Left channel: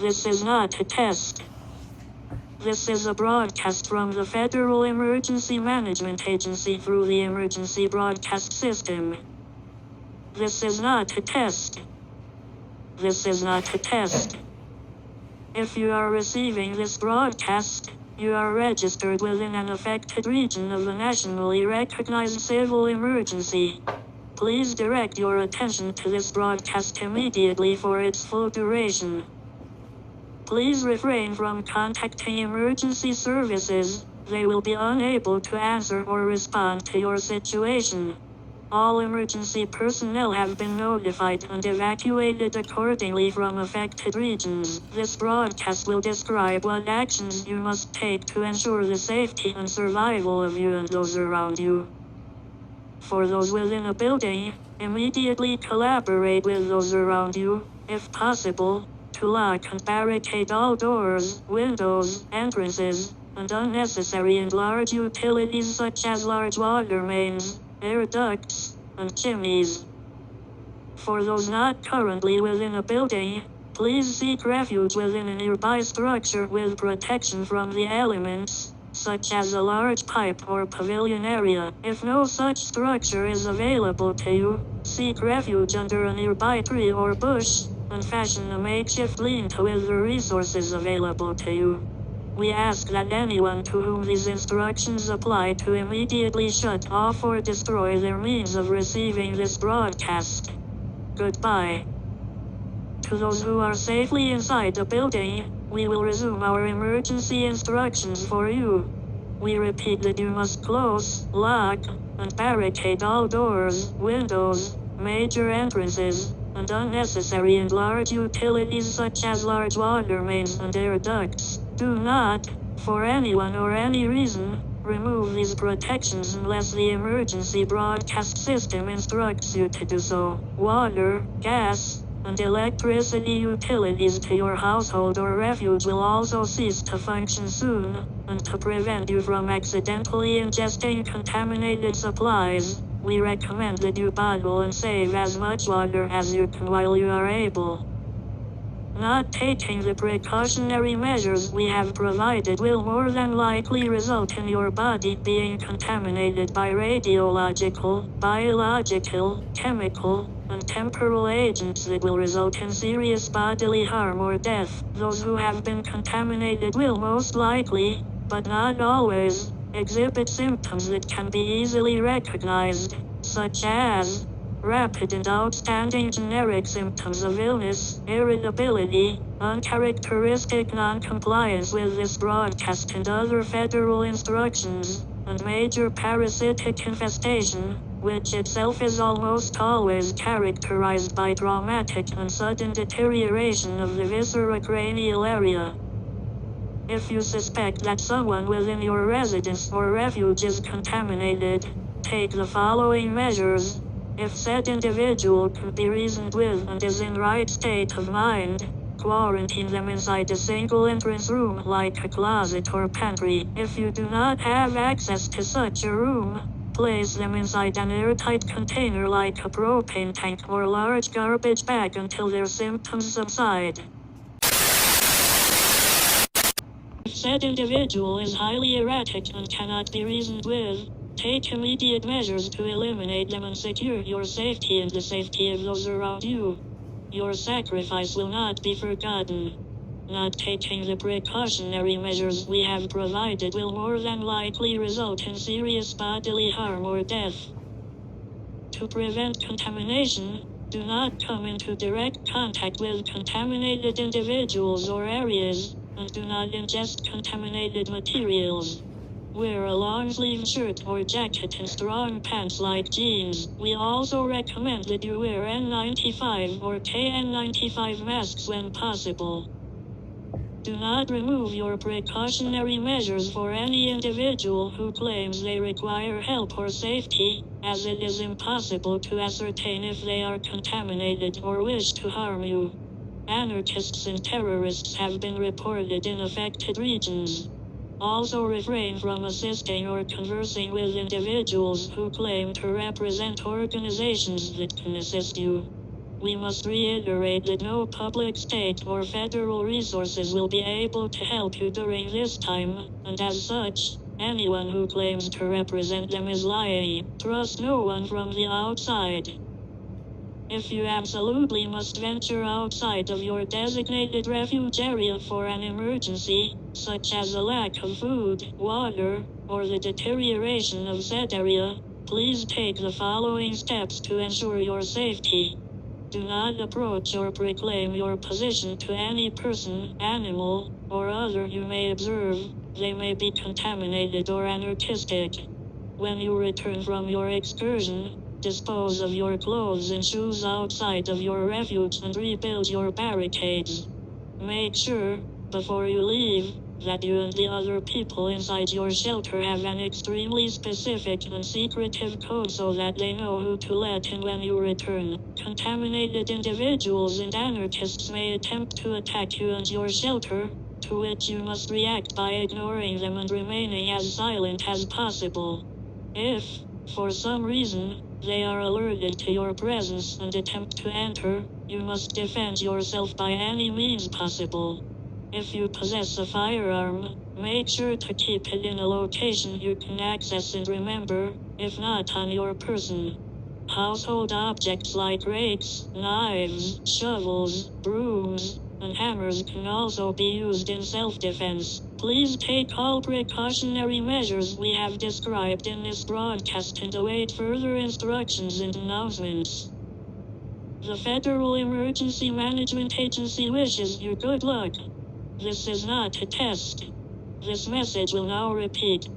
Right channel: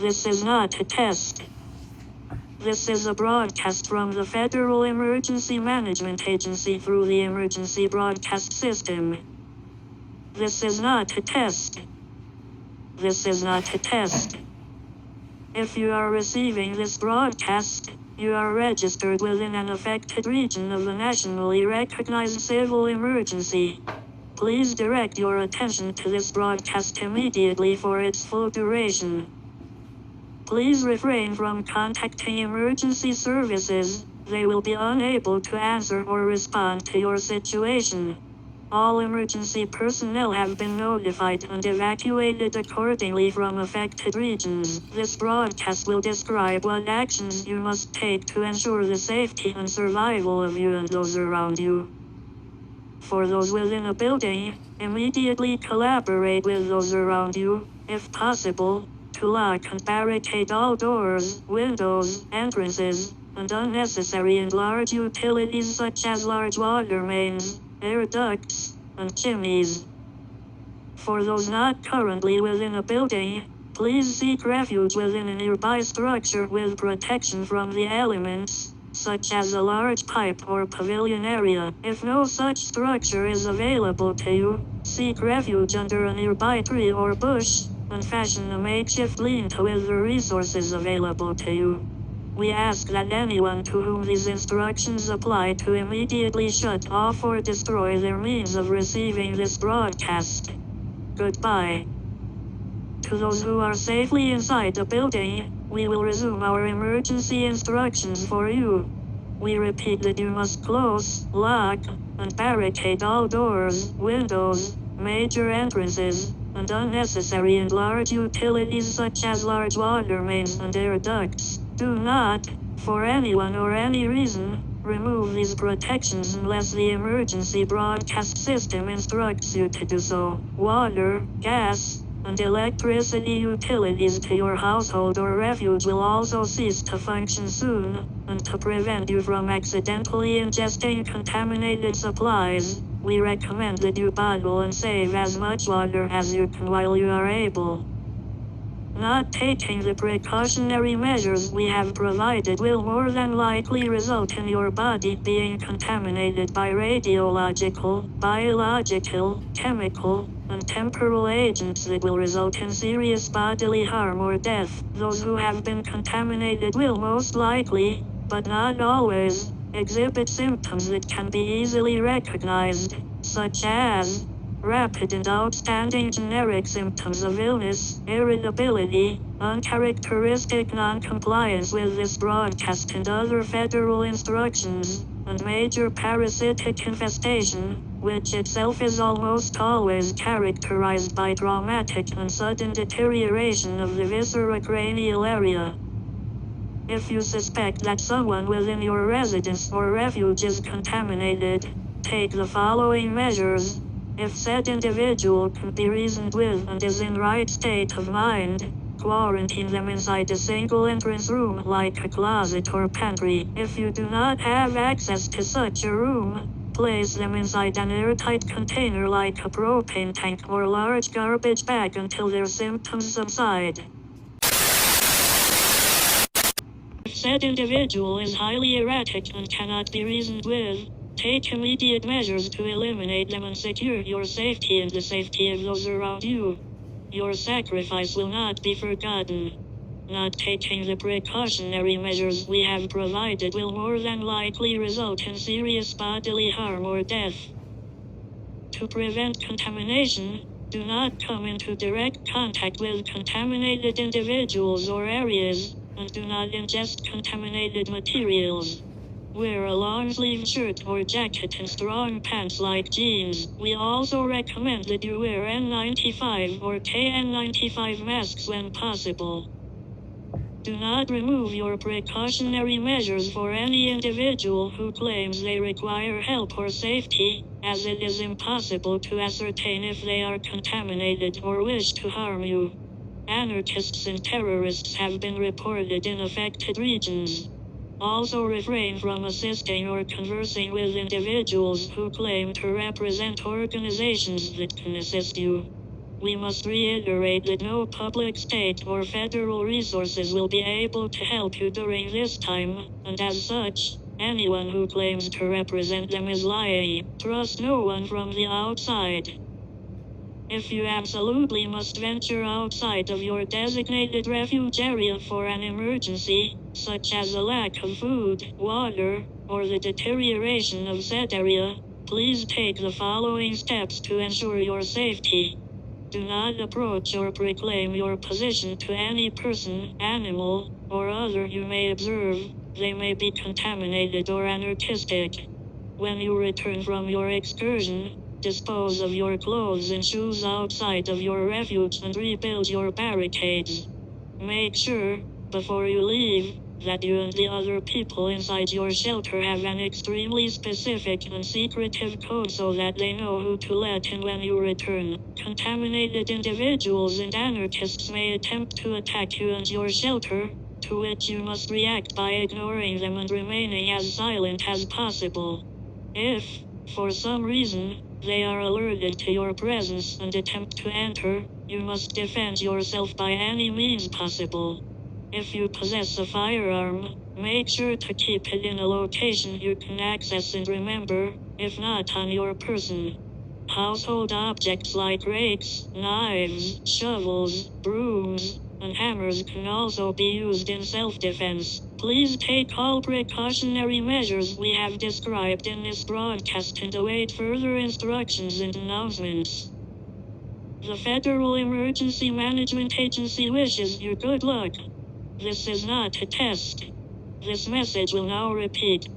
This is not a test. This is a broadcast from the Federal Emergency Management Agency through the Emergency Broadcast System. This is not a test. This is not a test. If you are receiving this broadcast, you are registered within an affected region of a nationally recognized civil emergency. Please direct your attention to this broadcast immediately for its full duration. Please refrain from contacting emergency services. They will be unable to answer or respond to your situation. All emergency personnel have been notified and evacuated accordingly from affected regions. This broadcast will describe what actions you must take to ensure the safety and survival of you and those around you. For those within a building, immediately collaborate with those around you, if possible, to lock and barricade all doors, windows, entrances, and unnecessary and large utilities such as large water mains, air ducts, and chimneys. For those not currently within a building, please seek refuge within a nearby structure with protection from the elements, such as a large pipe or pavilion area. If no such structure is available to you, seek refuge under a nearby tree or bush, and fashion a makeshift lean-to with the resources available to you. We ask that anyone to whom these instructions apply to immediately shut off or destroy their means of receiving this broadcast. Goodbye. To those who are safely inside the building, we will resume our emergency instructions for you. We repeat that you must close, lock, and barricade all doors, windows, major entrances, and unnecessary and large utilities such as large water mains and air ducts. Do not, for anyone or any reason, remove these protections unless the emergency broadcast system instructs you to do so. Water, gas, and electricity utilities to your household or refuge will also cease to function soon, and to prevent you from accidentally ingesting contaminated supplies, we recommend that you bottle and save as much water as you can while you are able. Not taking the precautionary measures we have provided will more than likely result in your body being contaminated by radiological, biological, chemical, and temporal agents that will result in serious bodily harm or death. Those who have been contaminated will most likely, but not always, exhibit symptoms that can be easily recognized, such as rapid and outstanding generic symptoms of illness, irritability, uncharacteristic non-compliance with this broadcast and other federal instructions, and major parasitic infestation, which itself is almost always characterized by traumatic and sudden deterioration of the viscerocranial area. If you suspect that someone within your residence or refuge is contaminated, take the following measures. If said individual can be reasoned with and is in right state of mind, quarantine them inside a single entrance room like a closet or pantry. If you do not have access to such a room, place them inside an airtight container like a propane tank or large garbage bag until their symptoms subside. If said individual is highly erratic and cannot be reasoned with, take immediate measures to eliminate them and secure your safety and the safety of those around you. Your sacrifice will not be forgotten. Not taking the precautionary measures we have provided will more than likely result in serious bodily harm or death. To prevent contamination, do not come into direct contact with contaminated individuals or areas, and do not ingest contaminated materials. Wear a long-sleeve shirt or jacket and strong pants like jeans. We also recommend that you wear N95 or KN95 masks when possible. Do not remove your precautionary measures for any individual who claims they require help or safety, as it is impossible to ascertain if they are contaminated or wish to harm you. Anarchists and terrorists have been reported in affected regions. Also refrain from assisting or conversing with individuals who claim to represent organizations that can assist you. We must reiterate that no public, state, or federal resources will be able to help you during this time, and as such, anyone who claims to represent them is lying. Trust no one from the outside. If you absolutely must venture outside of your designated refuge area for an emergency, such as a lack of food, water, or the deterioration of said area, please take the following steps to ensure your safety. Do not approach or proclaim your position to any person, animal, or other you may observe. They may be contaminated or anarchistic. When you return from your excursion, dispose of your clothes and shoes outside of your refuge and rebuild your barricades. Make sure, before you leave, that you and the other people inside your shelter have an extremely specific and secretive code so that they know who to let in when you return. Contaminated individuals and anarchists may attempt to attack you and your shelter, to which you must react by ignoring them and remaining as silent as possible. If, for some reason, they are alerted to your presence and attempt to enter, you must defend yourself by any means possible. If you possess a firearm, make sure to keep it in a location you can access and remember, if not on your person. Household objects like rakes, knives, shovels, brooms, and hammers can also be used in self-defense. Please take all precautionary measures we have described in this broadcast and await further instructions and announcements. The Federal Emergency Management Agency wishes you good luck. This is not a test. This message will now repeat.